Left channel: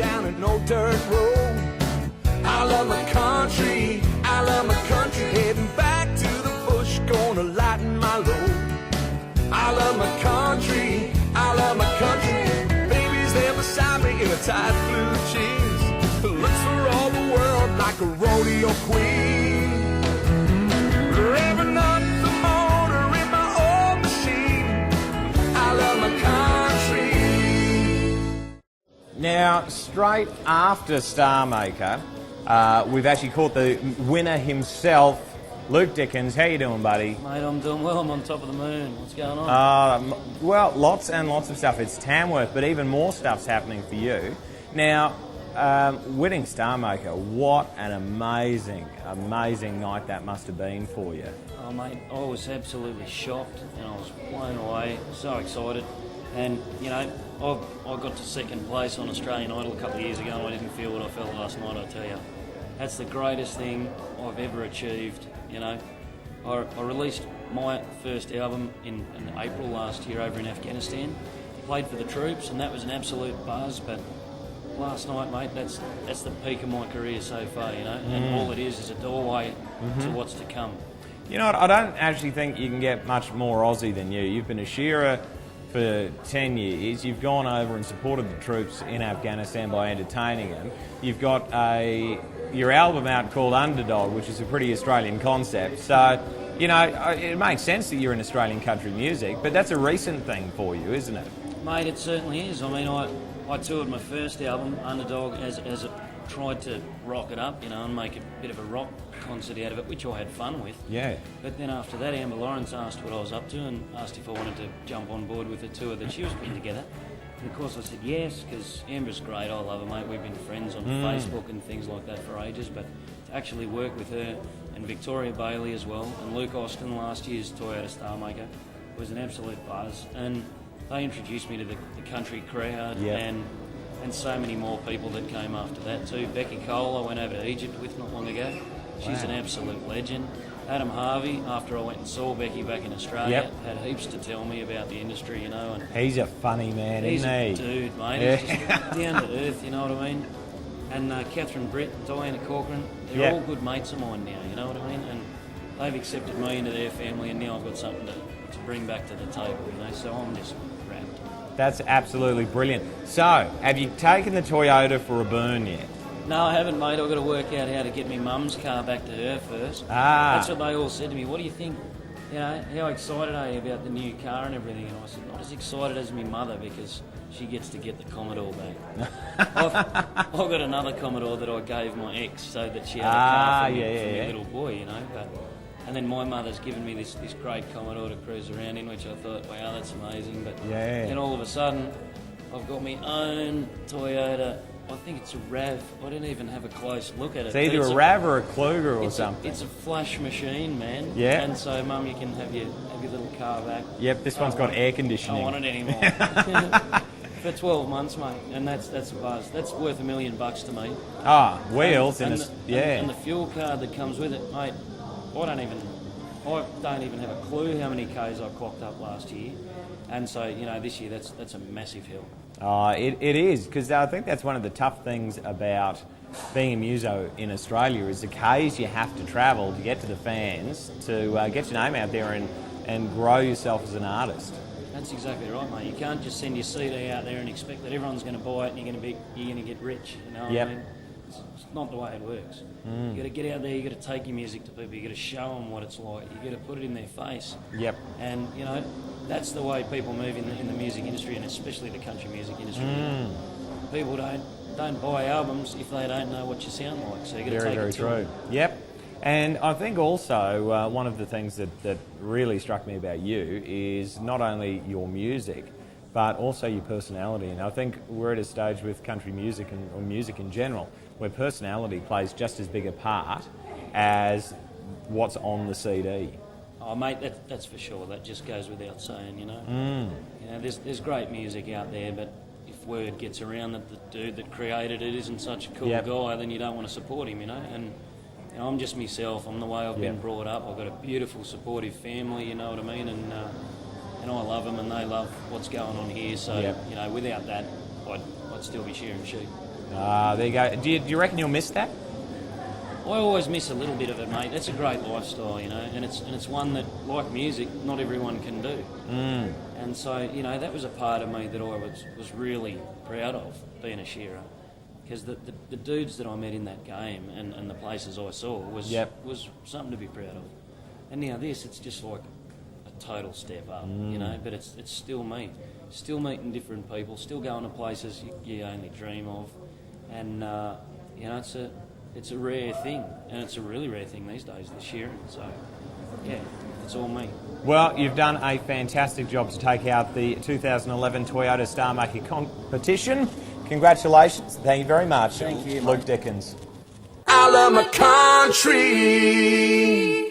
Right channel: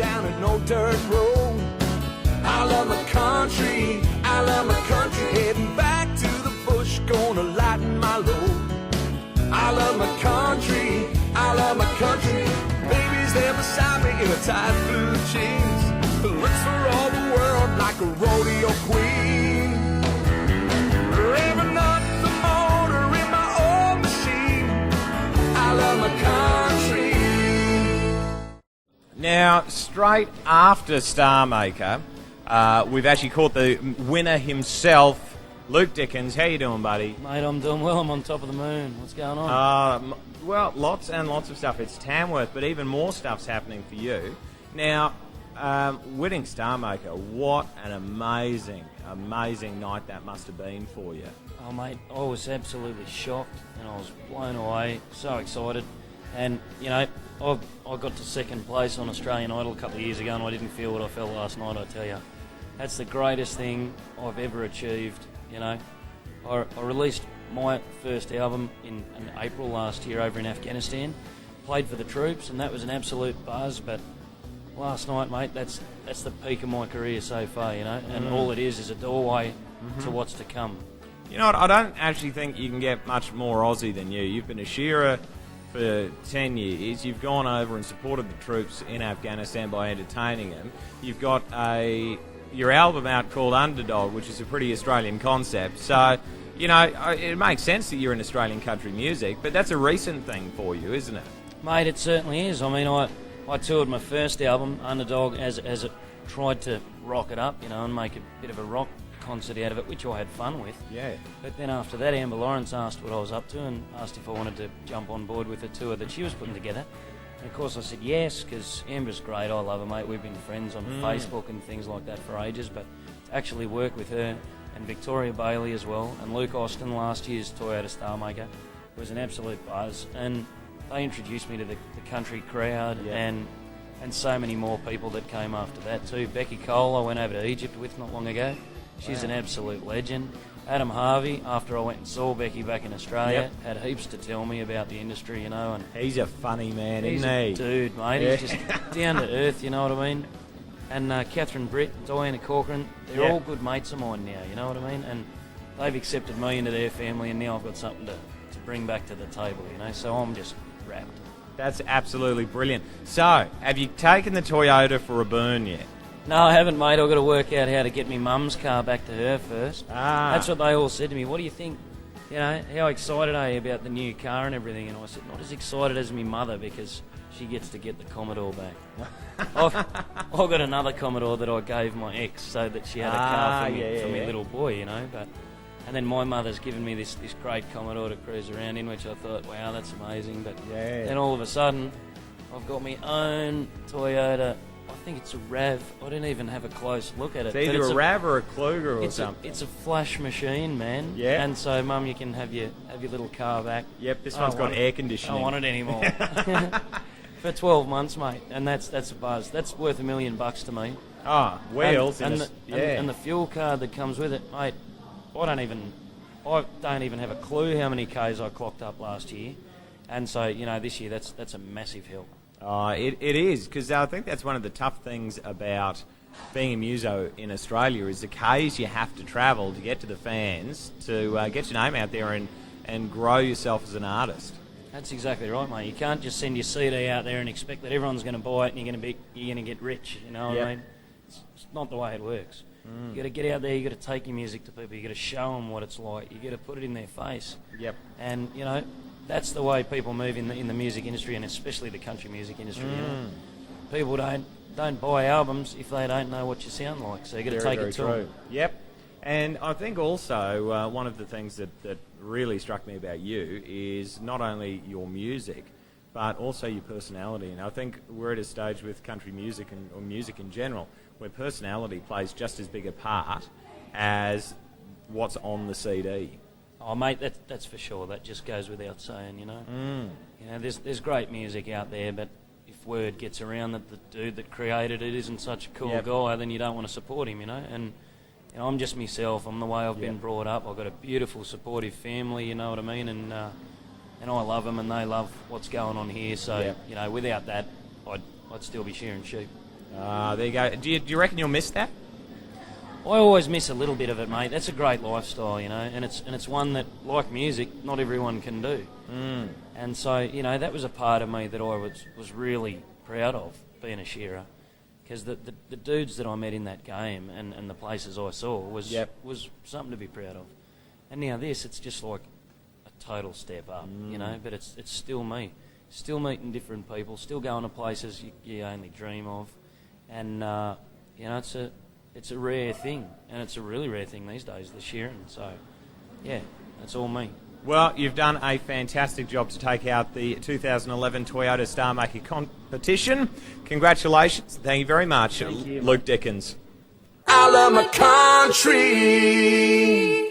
down an old dirt road. I love my country, heading back to the bush, gonna lighten my load. I love my country, baby's there beside me in a tight blue jeans, looks for all the world like a rodeo queen. Revving up the motor in my old machine, I love my country. Now, straight after Starmaker, we've actually caught the winner himself, Luke Dickens. How you doing, buddy? Mate, I'm doing well. I'm on top of the moon. What's going on? Well, lots and lots of stuff. It's Tamworth, but even more stuff's happening for you. Now, winning Starmaker, what an amazing night that must have been for you. Oh, mate, I was absolutely shocked and I was blown away, so excited. And, you know, I got to second place on Australian Idol a couple of years ago and I didn't feel what I felt last night, I tell you. That's the greatest thing I've ever achieved, you know. I released my first album in April last year over in Afghanistan, played for the troops, and that was an absolute buzz, but last night, mate, that's the peak of my career so far, you know, and all it is a doorway to what's to come. You know what, I don't actually think you can get much more Aussie than you. You've been a shearer for 10 years, you've gone over and supported the troops in Afghanistan by entertaining them. You've got your album out called Underdog, which is a pretty Australian concept. So, you know, it makes sense that you're in Australian country music, but that's a recent thing for you, isn't it? Mate, it certainly is. I mean, I toured my first album, Underdog, as it tried to rock it up, you know, and make a bit of a rock concert out of it, which I had fun with. Yeah. But then after that, Amber Lawrence asked what I was up to and asked if I wanted to jump on board with the tour that she was putting together. And of course I said yes, because Amber's great, I love her, mate. We've been friends on Facebook and things like that for ages, but to actually work with her and Victoria Bailey as well, and Luke Austin, last year's Toyota Starmaker, was an absolute buzz. And they introduced me to the country crowd and so many more people that came after that too. Becky Cole, I went over to Egypt with not long ago. She's an absolute legend. Adam Harvey, after I went and saw Becky back in Australia, had heaps to tell me about the industry, you know. And he's a funny man, isn't he? He's a dude, mate. He's just down to earth, you know what I mean? And Catherine Britt, Diana Corcoran, they're all good mates of mine now, you know what I mean? And they've accepted me into their family, and now I've got something to bring back to the table, you know, so I'm just wrapped. That's absolutely brilliant. So, have you taken the Toyota for a burn yet? No, I haven't, mate. I've got to work out how to get my mum's car back to her first. That's what they all said to me. What do you think? You know, how excited are you about the new car and everything? And I said, not as excited as my mother, because she gets to get the Commodore back. I've got another Commodore that I gave my ex so that she had a car for me little boy, you know. And then my mother's given me this great Commodore to cruise around in, which I thought, wow, that's amazing. But then all of a sudden, I've got my own Toyota. I think it's a RAV. I didn't even have a close look at it. It's either a RAV or a Kluger or something. It's a flash machine, man. Yeah. And so, Mum, you can have your little car back. Yep, this one's got air conditioning. I don't want it anymore. For 12 months, mate, and that's a buzz. That's worth $1 million to me. Wheels and the fuel card that comes with it, mate. I don't even have a clue how many Ks I clocked up last year, and so, you know, this year that's a massive hill. It is, because I think that's one of the tough things about being a muso in Australia is the Ks you have to travel to get to the fans, to get your name out there and grow yourself as an artist. That's exactly right, mate. You can't just send your CD out there and expect that everyone's going to buy it and you're going to get rich, you know what I mean? It's not the way it works. You got to get out there, you got to take your music to people, you got to show them what it's like, you got to put it in their face. Yep. And, you know, that's the way people move in the music industry, and especially the country music industry. You know? People don't buy albums if they don't know what you sound like, so you got to take it to them. Yep. And I think also one of the things that really struck me about you is not only your music, but also your personality. And I think we're at a stage with country music or music in general where personality plays just as big a part as what's on the CD. Oh, mate, that's for sure. That just goes without saying, you know. You know, there's great music out there, but if word gets around that the dude that created it isn't such a cool guy, then you don't want to support him, you know. And I'm just myself. I'm the way I've been brought up. I've got a beautiful, supportive family, you know what I mean. And I love them, and they love what's going on here. So you know, without that, I'd still be shearing sheep. There you go. Do you reckon you'll miss that? I always miss a little bit of it, mate. That's a great lifestyle, you know, and it's one that, like music, not everyone can do. And so, you know, that was a part of me that I was really proud of, being a shearer, because the dudes that I met in that game and the places I saw was something to be proud of. And now this, it's just like a total step up, you know, but it's still me. Still meeting different people, still going to places you only dream of. And, you know, it's a rare thing, and it's a really rare thing these days, the shearing. So, yeah, it's all me. Well, you've done a fantastic job to take out the 2011 Toyota Starmaker competition. Congratulations. Thank you very much, Thank you, Luke Dickens. I love my country.